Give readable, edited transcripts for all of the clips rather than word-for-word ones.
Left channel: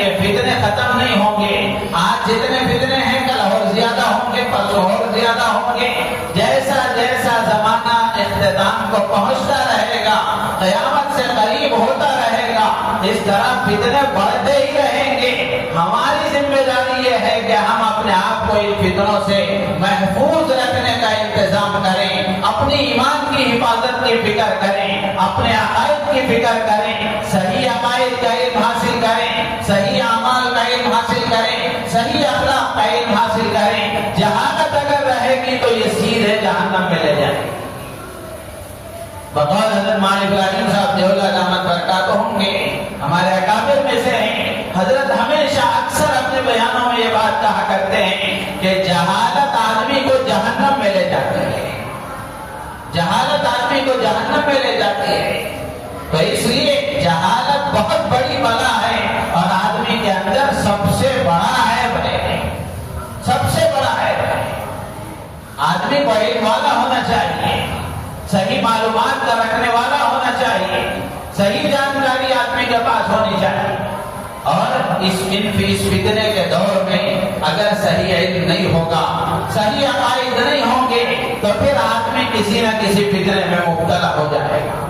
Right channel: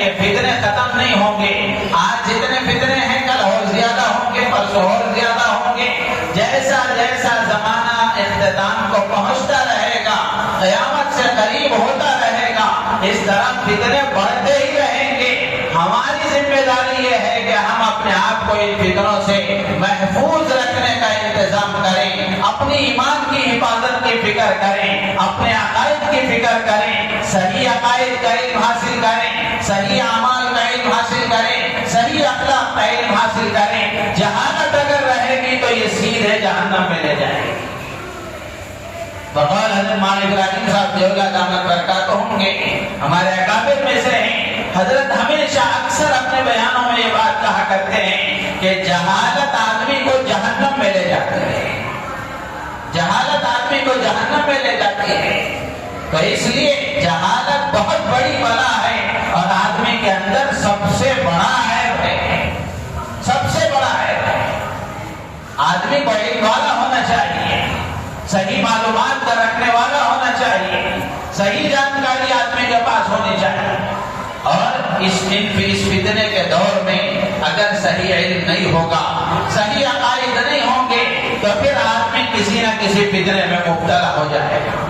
یہ فتنے ختم نہیں ہوں گے. آج جتنے فتنے ہیں کل اور زیادہ ہوں گے، پرسوں اور زیادہ ہوں گے. جیسا جیسا زمانہ اختتام کو پہنچتا رہے گا، قیامت سے قریب ہوتا رہے گا، اس طرح فتنے بڑھتے ہی رہیں گے. ہماری ذمہ داری یہ ہے کہ ہم اپنے آپ کو ان فتنوں سے محفوظ رکھنے کا انتظام کریں، اپنی ایمان کی حفاظت کی فکر کریں، اپنے عقائد کی فکر کریں، صحیح عقائد کا علم حاصل کریں، صحیح اعمال کا علم حاصل کریں، صحیح اخلاق کا علم حاصل کریں. جہالت اگر رہے گی تو یہ سیدھے جہنم میں لے جائے گی. بقول حضرت مولانا ابراہیم صاحب دیولہ دامت برکاتہم کے ہمارے اکابر میں سے ہیں. حضرت ہمیشہ اکثر اپنے بیانوں میں یہ بات کہا کرتے ہیں کہ جہالت آدمی کو جہنم میں لے جاتی ہے. جہالت آدمی کو جہنم میں لے جاتی ہے. تو اس لیے جہالت بہت بڑی بلا ہے اور آدمی کے اندر سب سے بڑا عیب ہے. سب سے بڑا عیب ہے. آدمی کو علم والا ہونا چاہیے، صحیح معلومات کا رکھنے والا ہونا چاہیے، صحیح جانکاری آدمی کے پاس ہونی چاہیے. اور اس فتنے کے دور میں اگر صحیح علم نہیں ہوگا، صحیح عقائد نہیں ہوں گے تو پھر آدمی کسی نہ کسی فتنے میں مبتلا ہو جائے گا.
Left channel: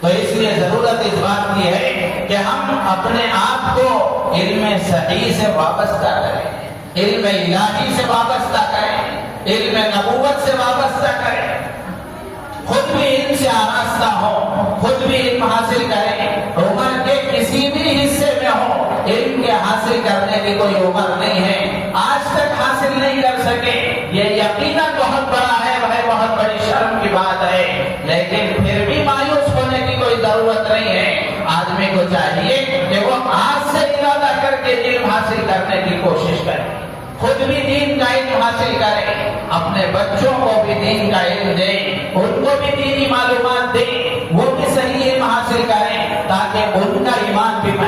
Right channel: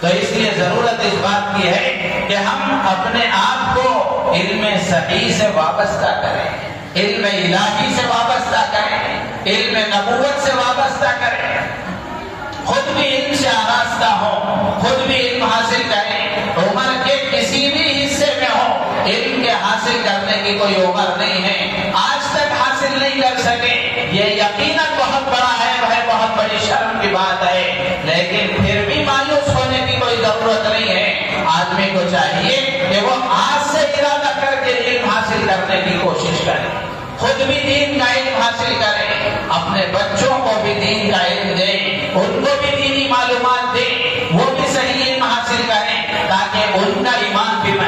تو اس لیے ضرورت اس بات کی ہے کہ ہم اپنے آپ کو علم صحیح سے وابستہ کریں، علم الہی سے وابستہ کریں، علم نبوت سے وابستہ کریں. خود بھی علم سے آراستہ ہو، خود بھی علم حاصل کریں. عمر کے کسی بھی حصے میں ہو، علم کے حاصل کرنے کی کوئی عمر نہیں ہے. آج تک حاصل نہیں کر سکے یہ یقیناً بہت بڑا ہے، بہت بڑی شرم کی بات ہے. لیکن پھر بھی مایوس ہونے کی کوئی ضرورت نہیں ہے. آدمی کو چاہیے کہ وہ آج سے ارادہ کر کے علم حاصل کرنے کی کوشش کرے، خود بھی دین کا علم حاصل کرے، اپنے بچوں کو بھی دین کا علم دے، ان کو بھی دینی معلومات دے، وہ بھی صحیح علم حاصل کریں تاکہ ان کا ایمان بھی